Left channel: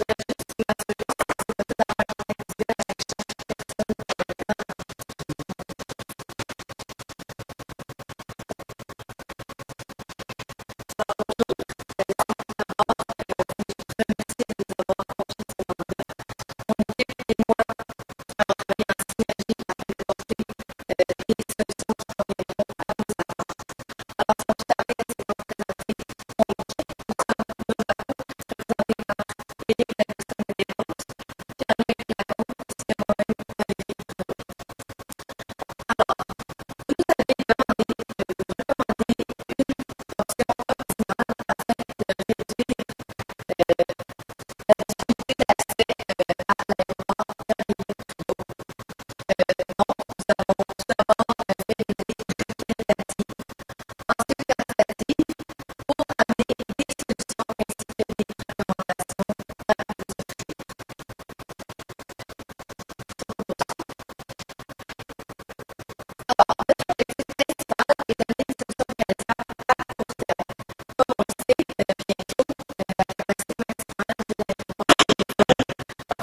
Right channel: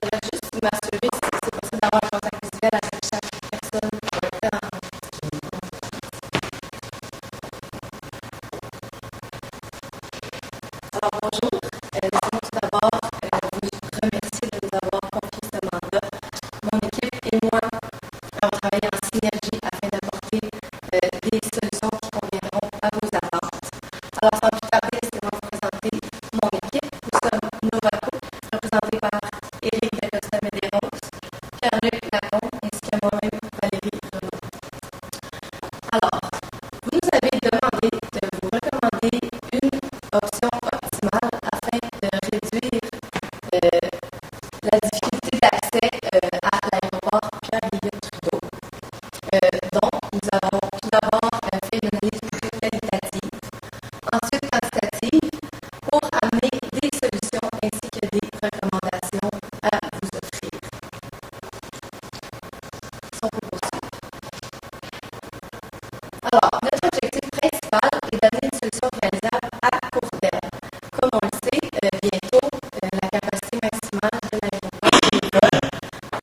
Je voudrais juste m'assurer si c'est possible d'avoir un contact visuel avec chaque personne. Oui. Alors bonjour, laissez-moi tout d'abord vous remercier de nous avoir confié ce mandat. Mon équipe et moi avons travaillé en synergie afin d'apporter des solutions qui conviendront à vos attentes. Alors sans plus tarder, laissez-moi vous présenter mon équipe. Nous sommes Novaco, représenté par Éric Dacosta-Medeiros, Pierre-Luc Lacombe, ainsi que moi-même, Valérie Renaud. Alors, vous nous avez demandé de vous recommander une option optimale afin de réduire la difficulté d'accès à l'aéroport Pierre-Elliott-Trudeau. Donc, nous avons tout d'abord fait une analyse plutôt qualitative, ensuite quantitative, pour amener des solutions ainsi que des recommandations à vous offrir. Si on peut poursuivre. Alors, notre objectif principal est d'amener une solution réalisable à court terme. Comme on le sait, bientôt, la capacité maximale de l'aéroport de les vols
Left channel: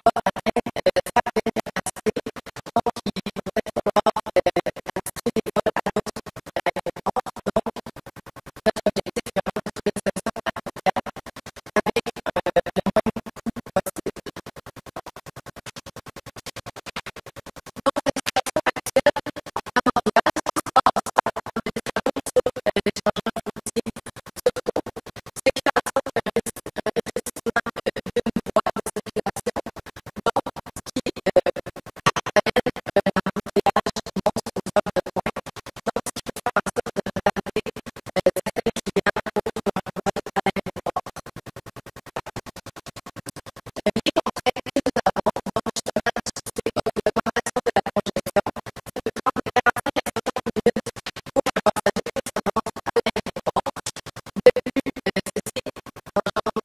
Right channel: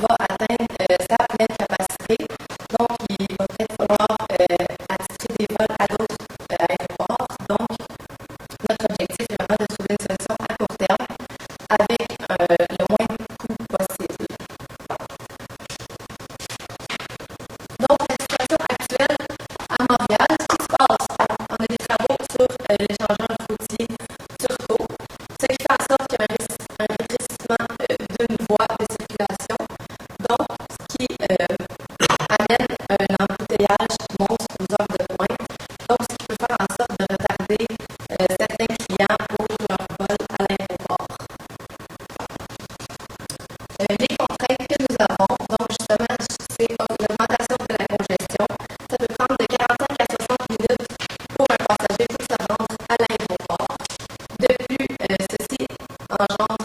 va atteindre sa pleine capacité. Donc, il va peut-être falloir attitrer des vols à d'autres aéroports. Donc, notre objectif est vraiment de trouver une solution à court terme avec le moins de coûts possible. Donc, la situation actuelle à Montréal, ce qui se passe, on a des travaux sur l'échangeur routier Turcot, ce qui fait en sorte qu'il y a un rétrécissement d'une voie de circulation, donc ce qui amène un embouteillage monstre aux heures de pointe, donc ce qui peut faire en sorte de retarder certains clients pour leur vol à l'aéroport. Les contraintes que nous avons, donc justement, c'est l'augmentation de la congestion. Ça peut prendre de 45 à 60 minutes pour un passager pour se rendre à l'aéroport. De plus, ceci engendre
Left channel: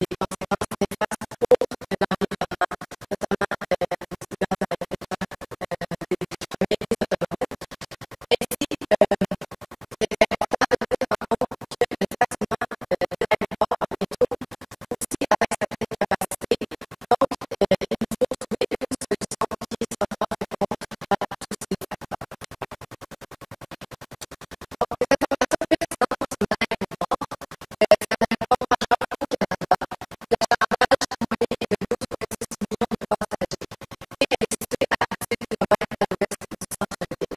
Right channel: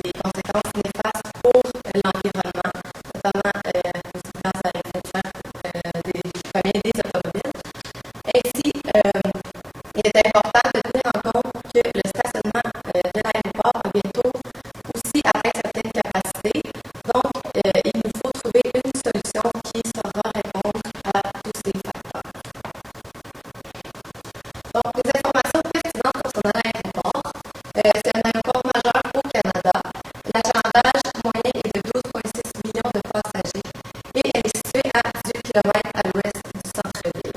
des conséquences néfastes pour l'environnement, notamment aux gaz à effet de serre des automobiles. Ainsi, il est important de tenir en compte que le stationnement de l'aéroport a bientôt aussi atteint sa pleine capacité. Donc, il nous faut trouver une solution qui saura répondre à tous ces facteurs. Donc, des informations pertinentes concernant l'aéroport. C'est un aéroport majeur au Canada. L'achalandage moyen est de 12,6 millions de passagers et elle est située à 18 km à l'ouest du centre-ville.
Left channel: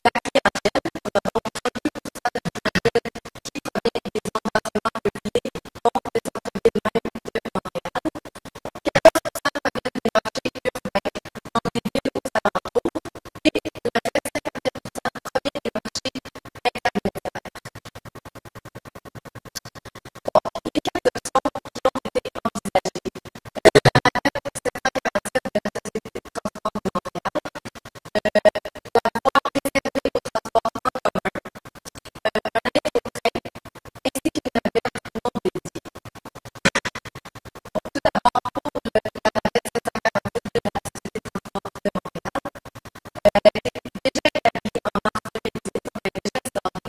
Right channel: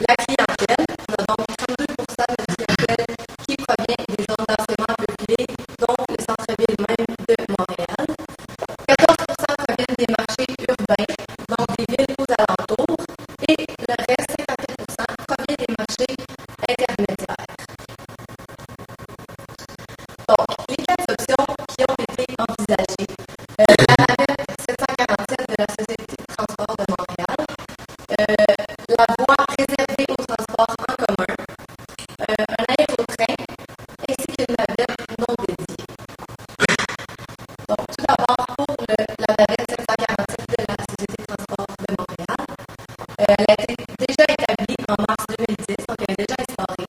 La clientèle, on a donc 32% de notre clientèle qui provient des zones densément peuplées, donc le centre-ville même de Montréal. 14% proviennent des marchés urbains, donc des villes aux alentours, et le reste, 54%, provient des marchés intermédiaires. Donc, les 4 options qui ont été envisagées, la navette 747 de la Société de transport de Montréal, la voie réservée au transport en commun, un aérotrain, ainsi qu'une navette non dédiée. Donc, tout d'abord, pour la navette 747 de la Société de transport de Montréal, elle a été déjà établie en mars 2010, donc elle est déjà instaurée.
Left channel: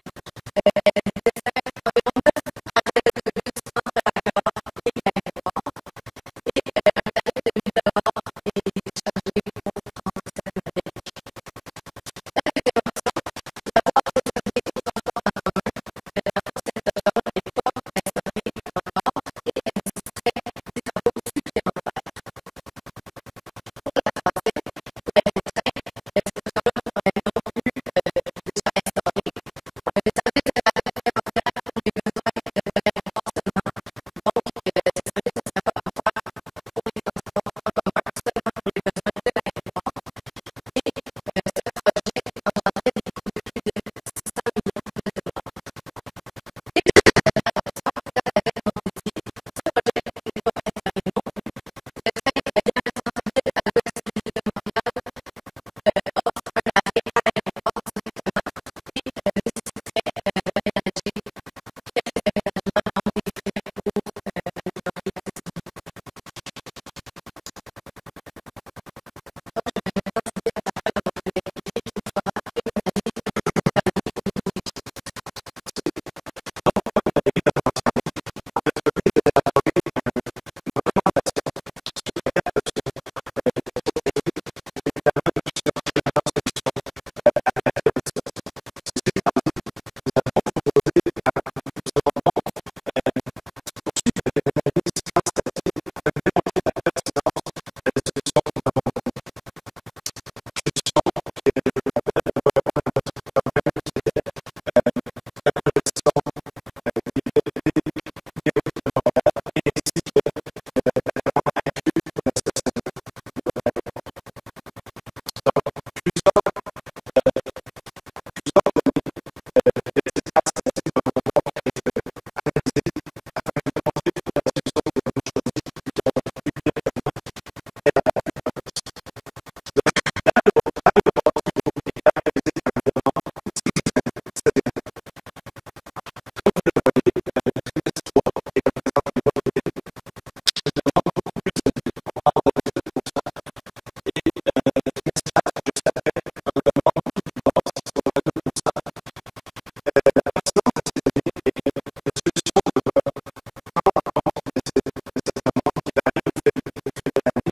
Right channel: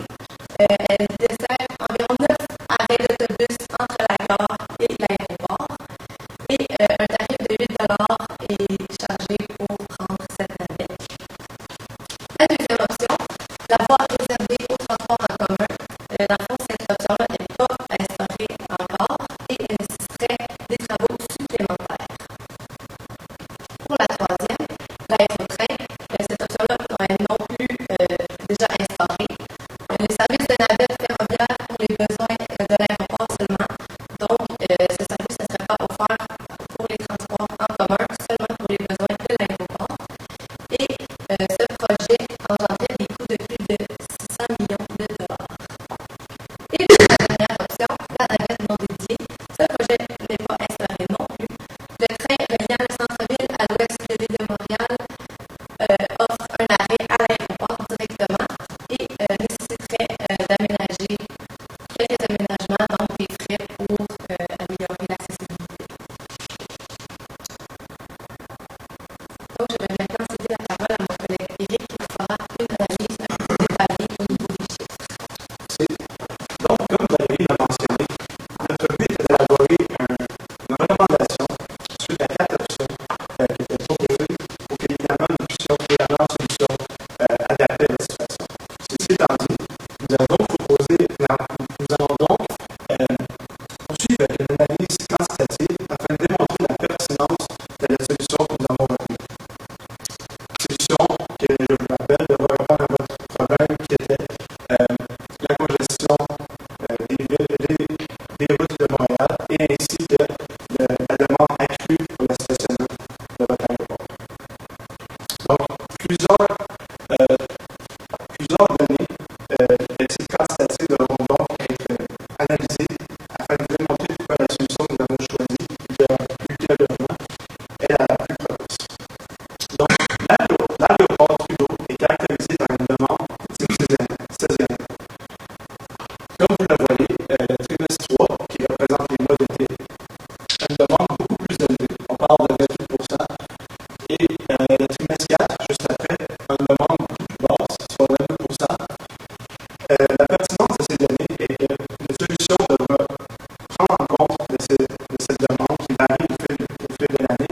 Elle dessert environ 9 arrêts d'autobus entre la gare et l'aéroport. Et un tarif de 8 $ est chargé pour prendre cette navette. La deuxième option, la voie réservée au transport en commun. Dans le fond, cette option-là n'est pas instaurée encore et elle nécessiterait des travaux supplémentaires. Pour la troisième, l'aérotrain. Cette option-là est non plus déjà instaurée. Le service de navette ferroviaire pour les besoins de l'aéroport seulement. Donc, ce service ne serait pas offert pour les transports en commun, seulement pour les besoins de l'aéroport. Et ce projet engendrait des coûts de plus de 600 millions de dollars. Et puis la dernière option, la navette non dédiée. Ce projet n'est pas instauré non plus. Le train reliant le centre-ville à l'ouest de l'île de Montréal offre un arrêt à l'aéroport directement et nécessiterait d'aménager quelques aménagements, donc des frais pour améliorer l'accessibilité. Donc, je vais maintenant céder la parole à mon collègue Éric qui vous fera une analyse un peu plus détaillée au niveau des chiffres. Merci. Donc, comme Valérie l'a mentionné, notre but était d'élaborer une recommandation suite à 4 options qui étaient proposées pour qu'évidemment nous puissions trouver la meilleure solution adaptée à votre situation. Ceci étant dit, nous allons donc poursuivre avec une analyse quantitative afin de démontrer la pertinence de la solution que nous avons retenue. Solution qui, je vous rappelle, devra répondre à votre problème qui était la congestion des routes de Montréal et ainsi que la demande accrue pour le stationnement de votre aéroport. Donc, plusieurs données de type quantitatif devront donc être analysées afin de vous démontrer pourquoi la solution que nous avons choisie ultérieurement est la plus propice. Donc, l'aéroport Trudeau est caractérisé par une demande de type saisonnière. Comme vous le voyez, le trimestre 3, qui représente les mois d'été, a une demande beaucoup plus élevée. On parle de 28%. Et le trimestre 4, juste après, a une demande beaucoup plus basse, soit 22%. La pertinence de ces données est que notre solution devra prendre en compte de cette demande qui varie au fil de l'année,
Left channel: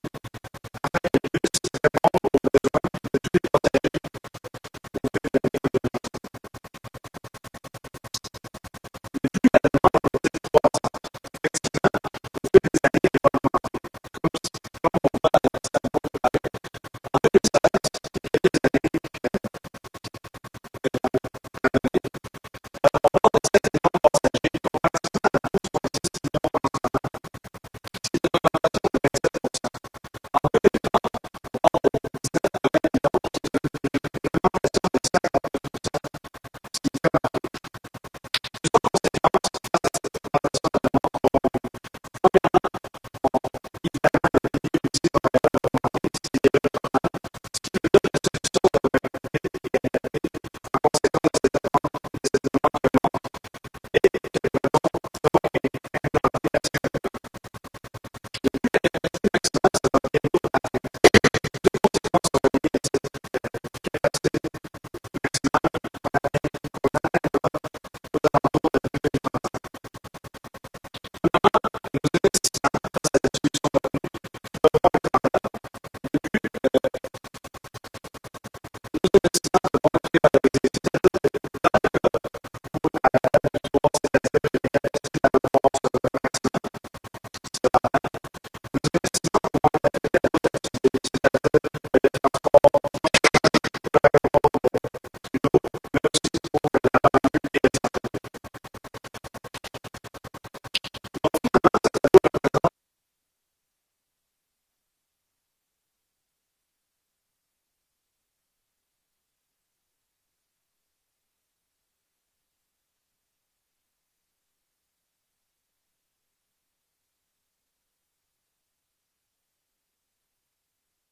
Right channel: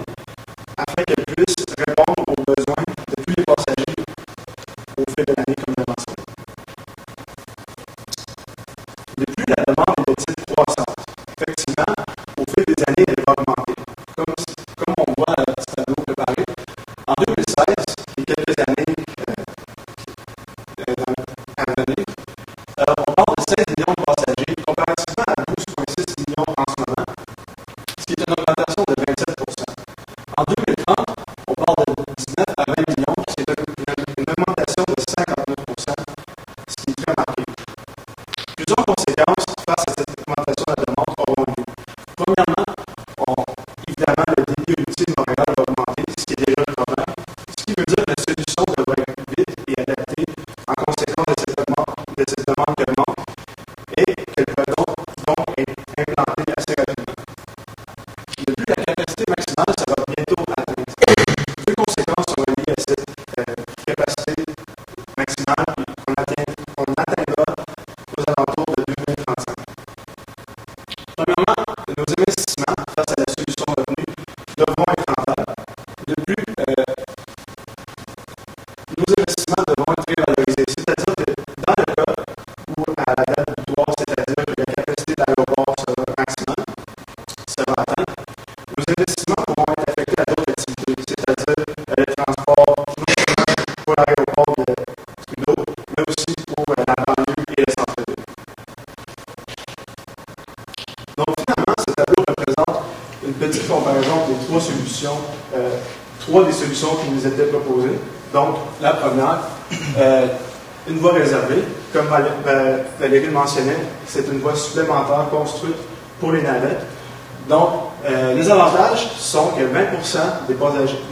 afin qu'elle puisse répondre aux besoins de tous les passagers au fil de l'année, comme je l'ai mentionné. De plus, la demande est de type croissante. Effectivement, au fil des années, elle va augmenter. Comme on voit dans le petit tableau préparé, en 2016, qui est quelques années à venir, on parle de 16 millions de passagers, comparativement à 12,6 millions en ce moment, ce qui est une augmentation de 27%. En 2030, on parle de 19 à 20 millions, ce qui est une augmentation de 59%, ce qui est très marqué. Plusieurs conséquences face à cette augmentation de la demande auront lieu. Premièrement, évidemment, le débit routier de Montréal va augmenter, ce qui est déjà le problème, ce qui veut dire que la solution devrait être vite et adaptée en conséquence de cette demande qui augmente et qu'elle pourrait donc être implantée assez rapidement. De plus, la capacité maximale sera bientôt atteinte. Deux conséquences sont reliées à cette capacité maximale qu'on atteindra aux alentours de 2035. Premièrement, nos investissements face à la solution retenue devront être rentables. De plus, nos investissements devront être révalorisés. C'est-à-dire que dans le cas où, à la date butoir, c'est-à-dire que la capacité de l'aéroport sera atteinte, nos investissements pourront être affectés à d'autres activités, c'est-à-dire le transport, non seulement pour l'aéroport de Trudeau, mais aussi pour la banlieue et le centre-ville. Donc finalement, ce tableau représente une petite comparaison des trois solutions, trois des solutions qui nous étaient proposées. Donc la première, une voie réservée. Comme Valérie le mentionnait, c'est une voie supplémentaire construite pour les navettes. Donc, les avantages sont que 20% des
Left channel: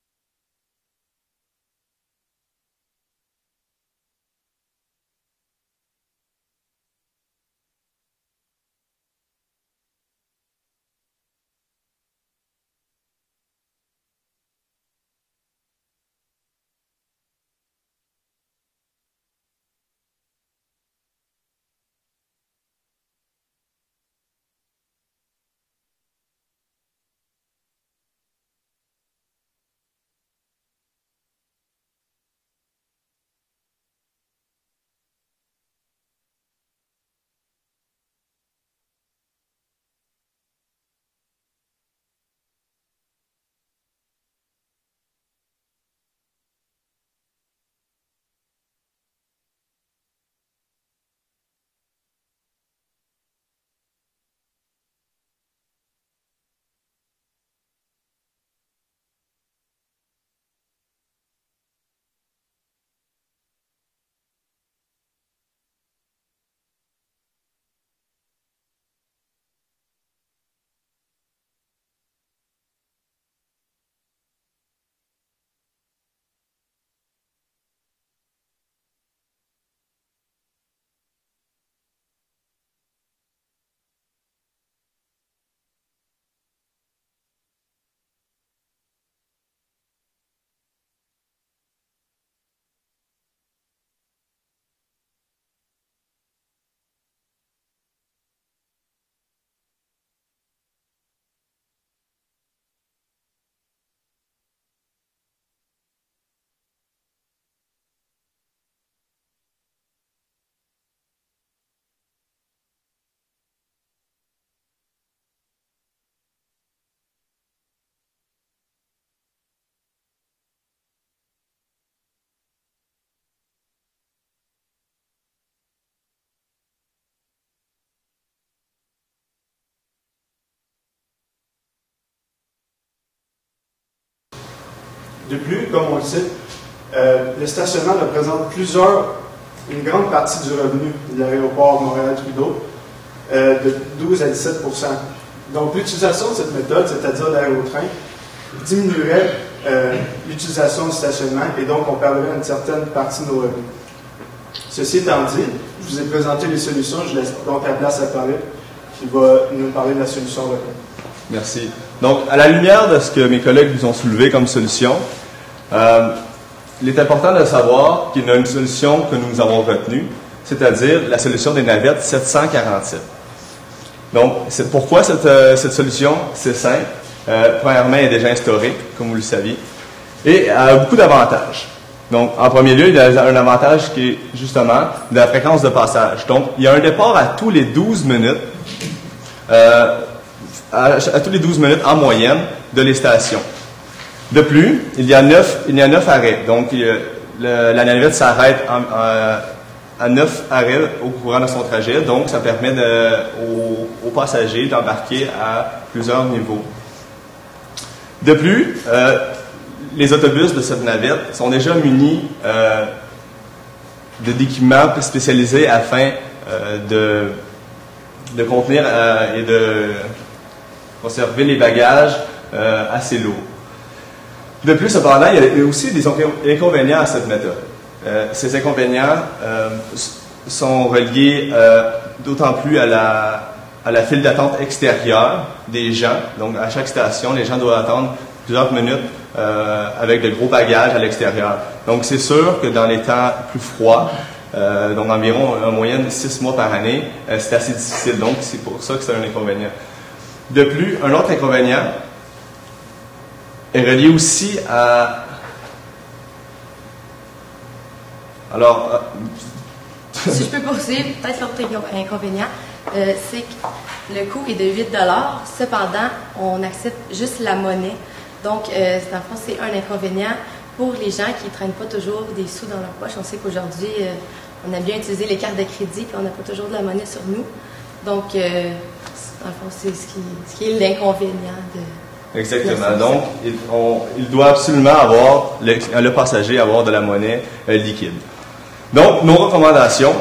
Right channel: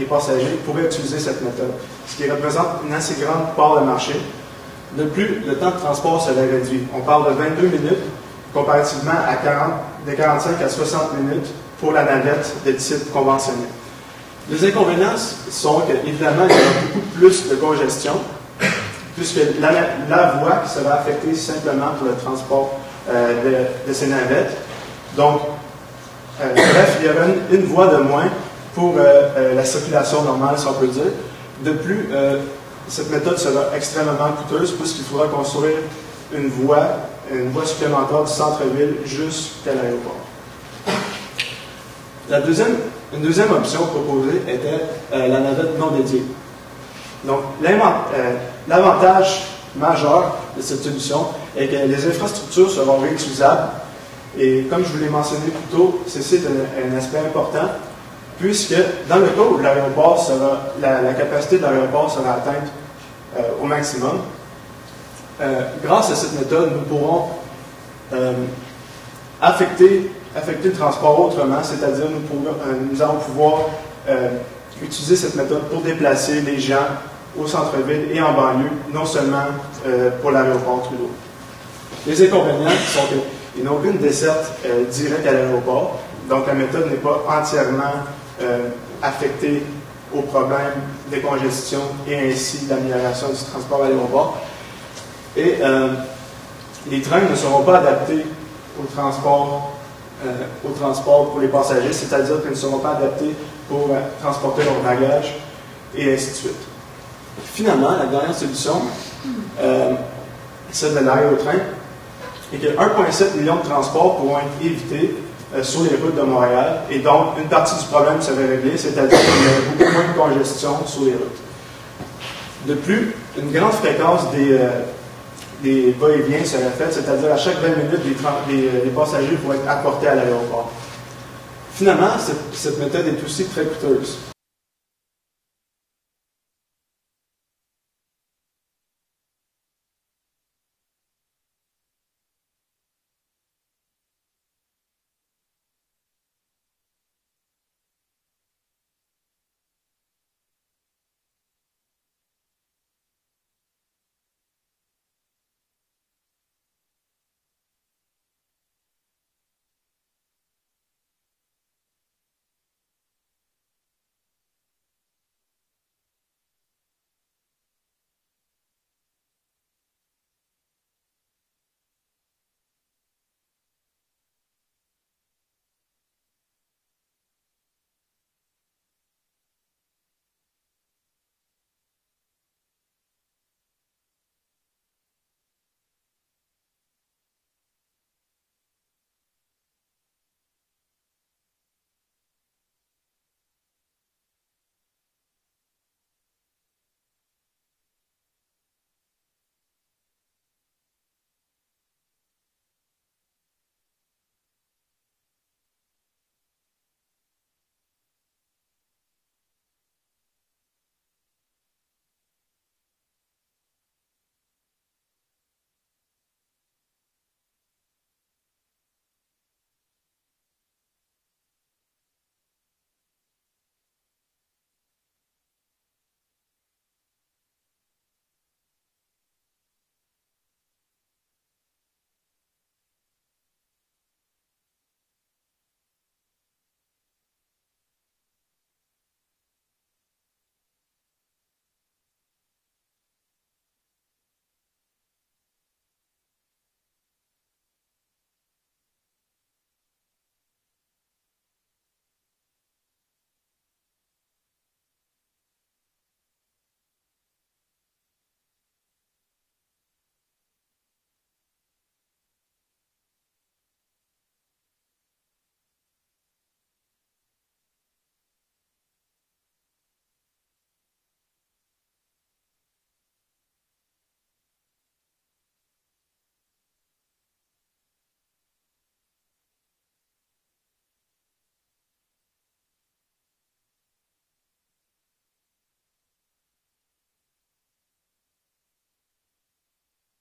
passagers pourraient utiliser cette méthode, ce qui représente une assez grande part de marché. De plus, le temps de transport serait réduit. On parle de 22 minutes, comparativement à de 45 à 60 minutes pour la navette de type conventionnel. Les inconvénients sont qu'évidemment, il y aura beaucoup plus de congestion, puisque la voie sera affectée simplement pour le transport de ces navettes. Donc, bref, il y aura une voie de moins pour la circulation normale, si on peut dire. De plus, cette méthode sera extrêmement coûteuse puisqu'il faudra construire une voie supplémentaire du centre-ville jusqu'à l'aéroport. La deuxième Une deuxième option proposée était la navette non dédiée. Donc, l'avantage majeur de cette solution est que les infrastructures seront réutilisables. Et comme je vous l'ai mentionné plus tôt, ceci est un aspect important, puisque dans le cas où l'aéroport sera, la capacité de l'aéroport sera atteinte au maximum, grâce à cette méthode, nous pourrons affecter le transport autrement, c'est-à-dire nous allons pouvoir utiliser cette méthode pour déplacer les gens au centre-ville et en banlieue, non seulement pour l'aéroport Trudeau. Les inconvénients sont qu'ils n'ont aucune desserte directe à l'aéroport, donc la méthode n'est pas entièrement affectée au problème de congestion et ainsi l'amélioration du transport à l'aéroport. Et les trains ne seront pas adaptés au transport pour les passagers, c'est-à-dire qu'ils ne seront pas adaptés pour transporter leurs bagages et ainsi de suite. Finalement, la dernière solution, celle de l'aérotrain, est que 1,7 million de transports pourront être évités sur les routes de Montréal, et donc une partie du problème serait réglée, c'est-à-dire qu'il y aurait beaucoup moins de congestion sur les routes. De plus, une grande fréquence des va-et-vient serait faite, c'est-à-dire à chaque 20 minutes, les passagers pourraient être apportés à l'aéroport. Finalement, cette méthode est aussi très coûteuse. De plus, comme on le sait, le stationnement représente une grande partie du revenu de l'aéroport Montréal-Trudeau, de 12 à 17 %. Donc, l'utilisation de cette méthode, c'est-à-dire l'aérotrain, diminuerait l'utilisation du stationnement et donc on perdrait une certaine partie de nos revenus. Ceci étant dit, je vous ai présenté les solutions, je laisse donc la place à Paris qui va nous parler de la solution retenue. Merci. Donc, à la lumière de ce que mes collègues vous ont soulevé comme solution, il est important de savoir qu'il y a une solution que nous avons retenue, c'est-à-dire la solution des navettes 747. Donc, pourquoi cette solution? C'est simple. Premièrement, elle est déjà instaurée, comme vous le saviez, et elle a beaucoup d'avantages. Donc, en premier lieu, il y a un avantage qui est justement de la fréquence de passage. Donc, il y a un départ à tous les 12 minutes, à tous les 12 minutes en moyenne de les stations. De plus, il y a 9 arrêts. Donc, la navette s'arrête à 9 arrêts au courant de son trajet. Donc, ça permet aux passagers d'embarquer à plusieurs niveaux. De plus, les autobus de cette navette sont déjà munis d'équipements spécialisés afin de contenir et de conserver les bagages assez lourds. De plus, cependant, il y a aussi des inconvénients à cette méthode. Ces inconvénients sont reliés d'autant plus à la file d'attente extérieure des gens. Donc, à chaque station, les gens doivent attendre plusieurs minutes avec de gros bagages à l'extérieur. Donc, c'est sûr que dans les temps plus froids, donc environ en moyenne 6 mois par année, c'est assez difficile. Donc, c'est pour ça que c'est un inconvénient. De plus, un autre inconvénient est relié aussi à... Alors... Si je peux poursuivre, peut-être l'autre inconvénient, c'est que le coût est de 8 $. Cependant, on accepte juste la monnaie. Donc, dans le fond, c'est un inconvénient pour les gens qui ne traînent pas toujours des sous dans leur poche. On sait qu'aujourd'hui, on a bien utilisé les cartes de crédit et on n'a pas toujours de la monnaie sur nous. Donc, dans le fond, c'est ce qui est l'inconvénient de... Exactement. Donc, il doit absolument avoir, le passager, avoir de la monnaie liquide. Donc, nos recommandations,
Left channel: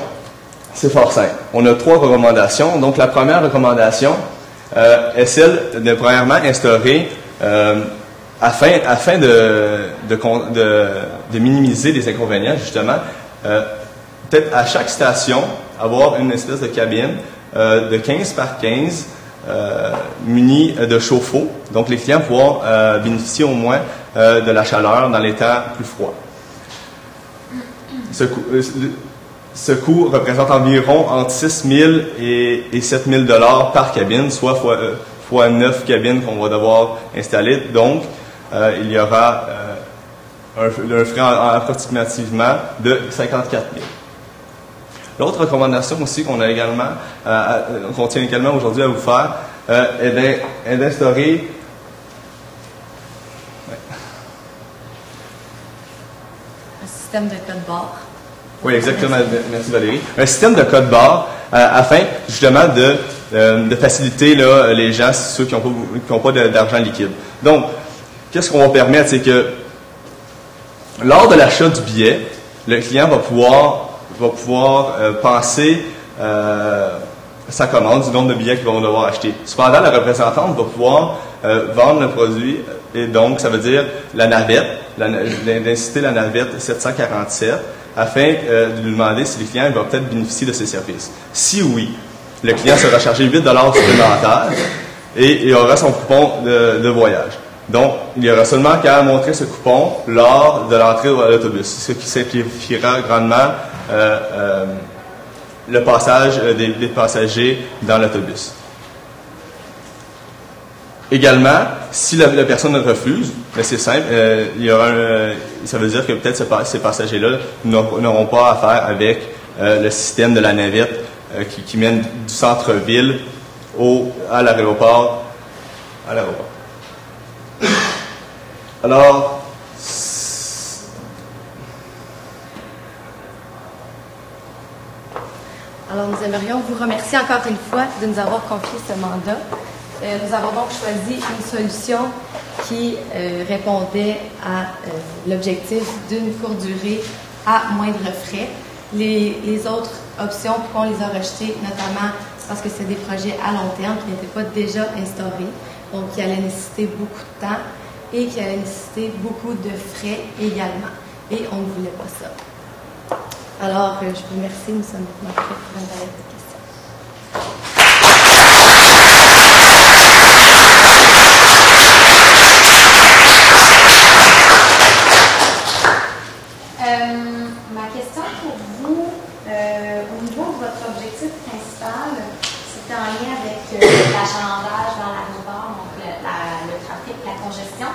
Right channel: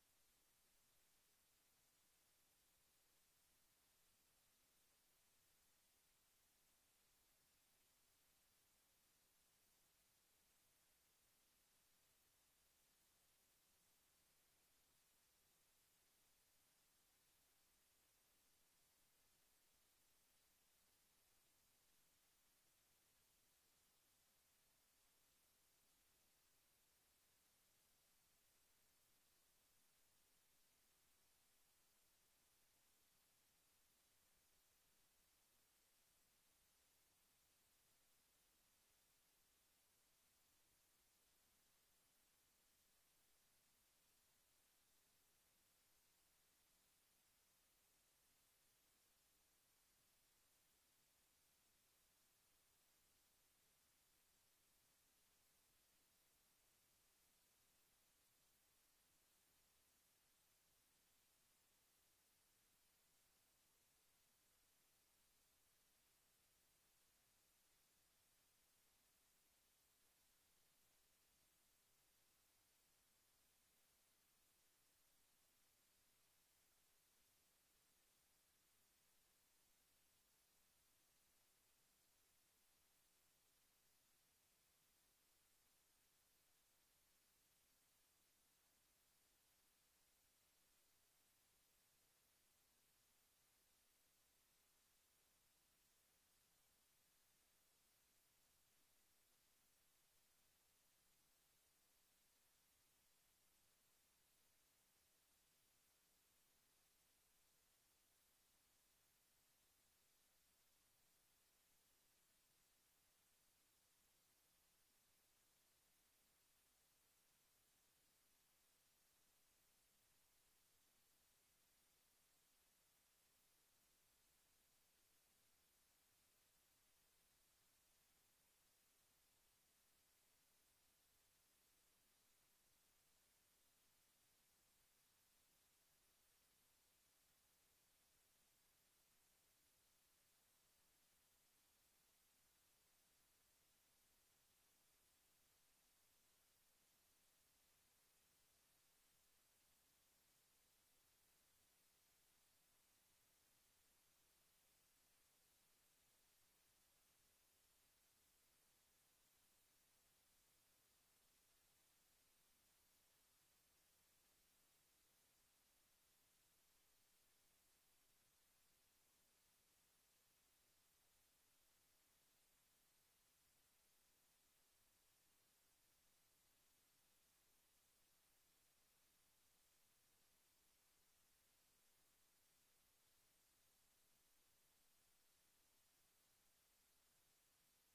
c'est fort simple. On a 3 recommandations. Donc, la première recommandation est celle de, premièrement, instaurer, afin de minimiser les inconvénients, justement, peut-être à chaque station, avoir une espèce de cabine de 15 par 15, munis de chauffe-eau. Donc, les clients pourront bénéficier au moins de la chaleur dans les temps plus froids. Ce coût représente environ entre 6 000 et 7 000 $ par cabine, soit fois 9 cabines qu'on va devoir installer. Donc, il y aura un frais approximativement de 54 000. L'autre recommandation aussi qu'on tient également aujourd'hui à vous faire est d'instaurer un système de code barre. Oui, exactement. Merci Valérie. Un système de code barre afin justement de faciliter là, les gens, ceux qui n'ont pas d'argent liquide. Donc, qu'est-ce qu'on va permettre, c'est que lors de l'achat du billet, le client va pouvoir penser sa commande, du nombre de billets qu'ils vont devoir acheter. Cependant, la représentante va pouvoir vendre le produit, et donc ça veut dire la navette, d'inciter la navette 747, afin de lui demander si le client va peut-être bénéficier de ces services. Si oui, le client sera chargé 8 $ supplémentaires et il aura son coupon de voyage. Donc, il y aura seulement qu'à montrer ce coupon lors de l'entrée à l'autobus, ce qui simplifiera grandement le passage des passagers dans l'autobus. Également, si la personne refuse, mais c'est simple, ça veut dire que peut-être ces passagers-là n'auront pas affaire avec le système de la navette qui mène du centre-ville à l'aéroport. Alors, nous aimerions vous remercier encore une fois de nous avoir confié ce mandat. Nous avons donc choisi une solution qui répondait à l'objectif d'une courte durée à moindre frais. Les autres options, pourquoi on les a rejetées, notamment parce que c'est des projets à long terme qui n'étaient pas déjà instaurés, donc qui allaient nécessiter beaucoup de temps et qui allaient nécessiter beaucoup de frais également. Et on ne voulait pas ça. Alors, je vous remercie. Nous sommes maintenant prêts pour une période de questions. Ma question pour vous, au niveau de votre objectif principal, c'était en lien avec l'achalandage dans l'aéroport, donc le trafic, la congestion.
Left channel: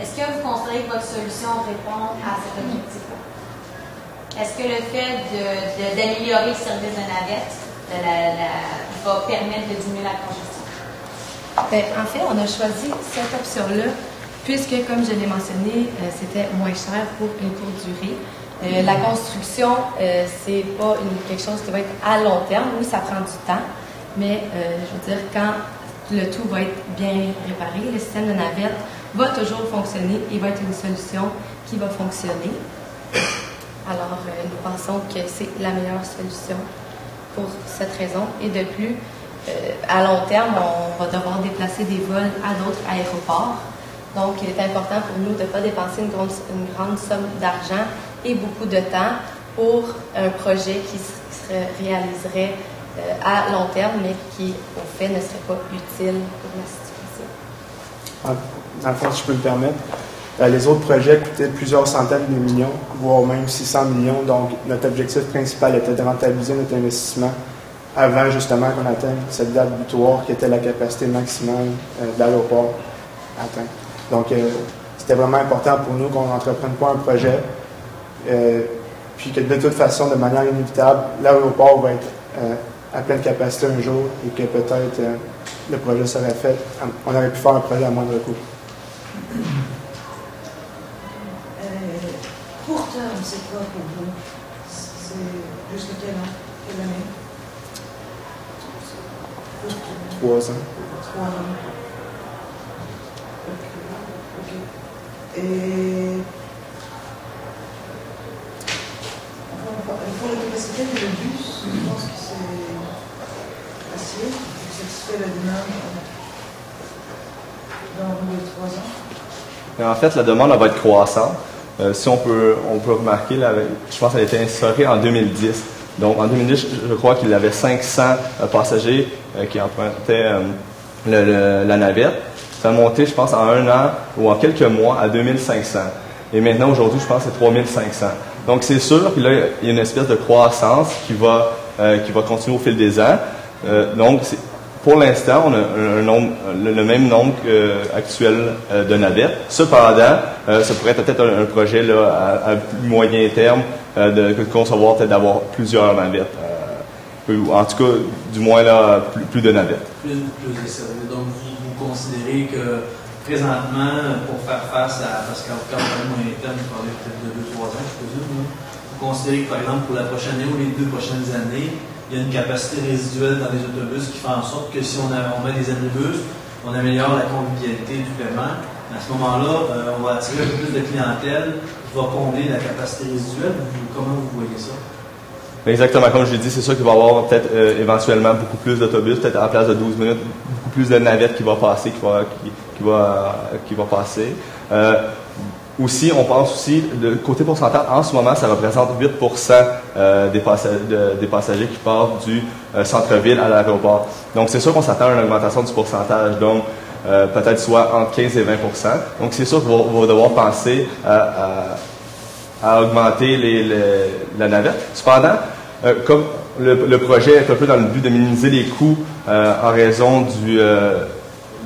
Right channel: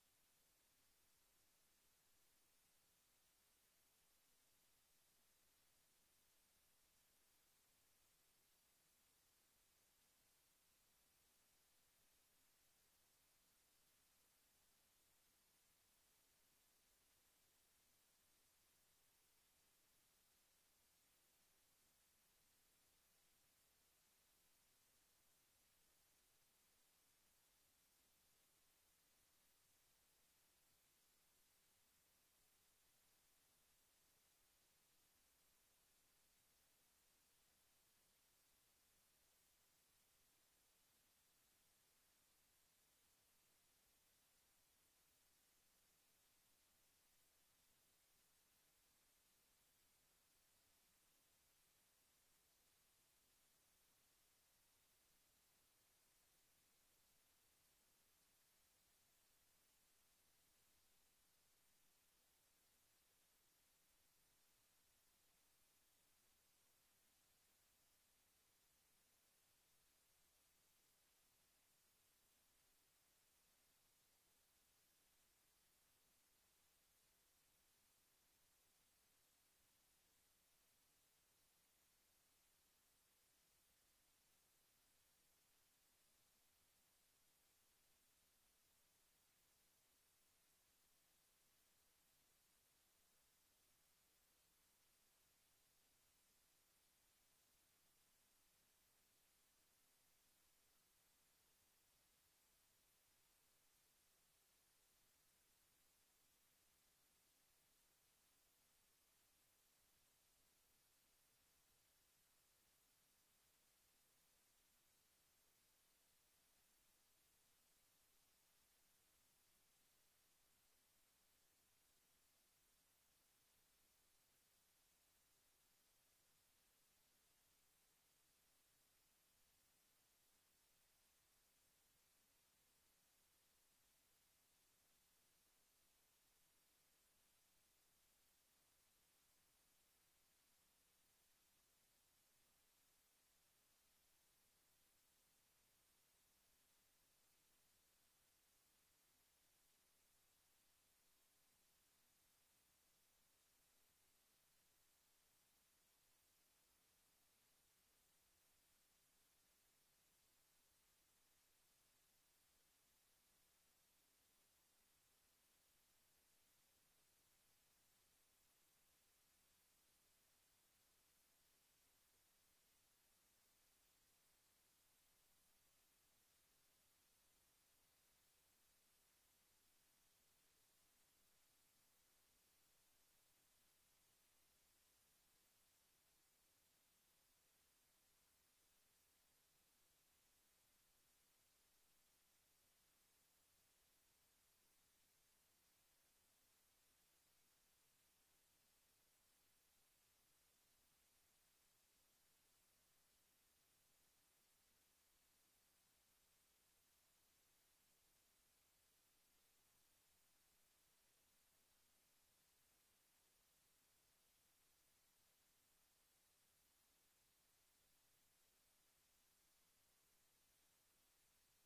Est-ce que vous considérez que votre solution répond à cet objectif-là? Est-ce que le fait d'améliorer le service de navette va permettre de diminuer la congestion? En fait, on a choisi cette option-là puisque, comme je l'ai mentionné, c'était moins cher pour une courte durée. La construction, c'est pas quelque chose qui va être à long terme. Oui, ça prend du temps, mais je veux dire, quand le tout va être bien réparé, le système de navette va toujours fonctionner et va être une solution qui va fonctionner. Alors, nous pensons que c'est la meilleure solution pour cette raison. Et de plus, à long terme, on va devoir déplacer des vols à d'autres aéroports. Donc, il est important pour nous de ne pas dépenser une grande somme d'argent et beaucoup de temps pour un projet qui se réaliserait à long terme, mais qui, au fait, ne serait pas utile pour la situation. Dans le fond, si je peux me permettre, les autres projets coûtaient plusieurs centaines de millions, voire même 600 millions. Donc, notre objectif principal était de rentabiliser notre investissement avant, justement, qu'on atteigne cette date butoir qui était la capacité maximale de l'aéroport atteinte. Donc, c'était vraiment important pour nous qu'on n'entreprenne pas un projet, puis que de toute façon, de manière inévitable, l'aéroport va être à pleine capacité un jour et que peut-être le projet serait fait. On aurait pu faire un projet à moindre coût. Court terme, c'est quoi pour vous? C'est jusqu'à quelle année? 3 ans. 3 ans. Ok. Et pour la capacité de le bus, je pense que c'est assez pour satisfaire la demande dans les 3 ans. En fait, la demande va être croissante. Si on peut remarquer, je pense qu'elle a été instaurée en 2010. Donc, en 2010, je crois qu'il y avait 500 passagers qui empruntaient la navette. Ça a monté, je pense, en 1 an ou en quelques mois à 2500. Et maintenant, aujourd'hui, je pense que c'est 3500. Donc, c'est sûr qu'il y a une espèce de croissance qui va continuer au fil des ans. Donc, pour l'instant, on a le même nombre actuel de navettes. Cependant, ça pourrait être peut-être un projet là, à moyen terme de concevoir peut-être d'avoir plusieurs navettes. Ou en tout cas, du moins là, plus de navettes. Plus de services. Donc, vous considérez que présentement, pour faire face à, parce qu'en tout cas, moyen terme, vous parlez peut-être de 2-3 ans, je présume, vous considérez que, par exemple, pour la prochaine année ou les 2 prochaines années, il y a une capacité résiduelle dans les autobus qui fait en sorte que si on met des abribus, on améliore la convivialité du paiement. À ce moment-là, on va attirer un peu plus de clientèle qui va combler la capacité résiduelle. Comment vous voyez ça? Exactement, comme je l'ai dit, c'est sûr qu'il va y avoir peut-être éventuellement beaucoup plus d'autobus, peut-être à la place de 12 minutes, beaucoup plus de navettes qui va passer, qui va passer. Aussi, on pense aussi, le côté pourcentage, en ce moment, ça représente 8% des passagers qui partent du centre-ville à l'aéroport. Donc, c'est sûr qu'on s'attend à une augmentation du pourcentage, donc peut-être soit entre 15 et 20%. Donc, c'est sûr qu'on va devoir penser à augmenter la navette. Cependant, comme le projet est un peu dans le but de minimiser les coûts en raison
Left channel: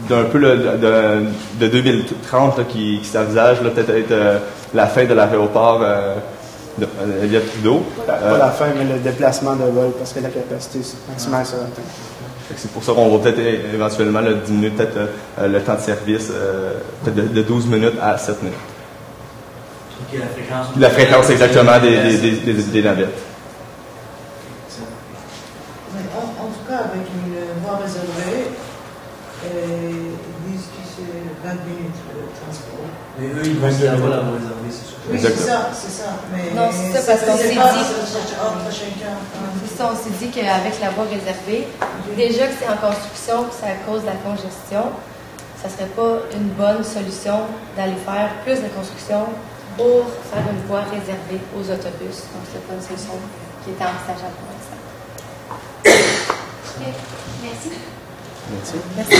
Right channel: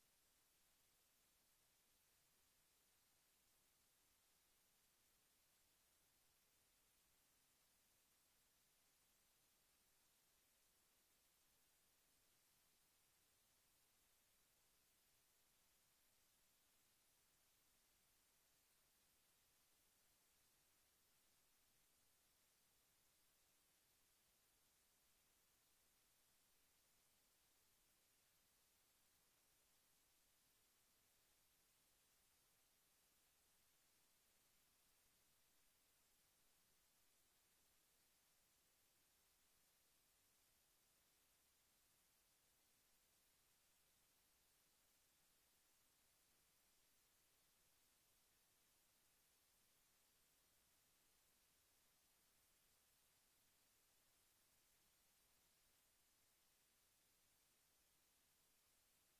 d'un peu de 2030 là, qui s'envisage peut-être la fin de l'aéroport Elliott Trudeau. Pas la fin, mais le déplacement de vol, parce que la capacité maximale sera atteinte. C'est pour ça qu'on va peut-être éventuellement diminuer peut-être le temps de service peut-être de 12 minutes à 7 minutes. Okay, la fréquence exactement des navettes. En tout cas, avec une voie réservée, ils disent que c'est 20 minutes de transport. Mais eux, ils vont se la voie réservée, c'est sûr. Oui, c'est ça. Mais non, c'est ça, parce qu'on s'est dit. Entre chacun. C'est ça, on s'est dit qu'avec la voie réservée, déjà que c'est en construction, que c'est à cause de la congestion, ça ne serait pas une bonne solution d'aller faire plus de construction pour faire une voie réservée aux autobus. Donc, c'est pas une solution qui est envisageable pour l'instant. Merci. Merci.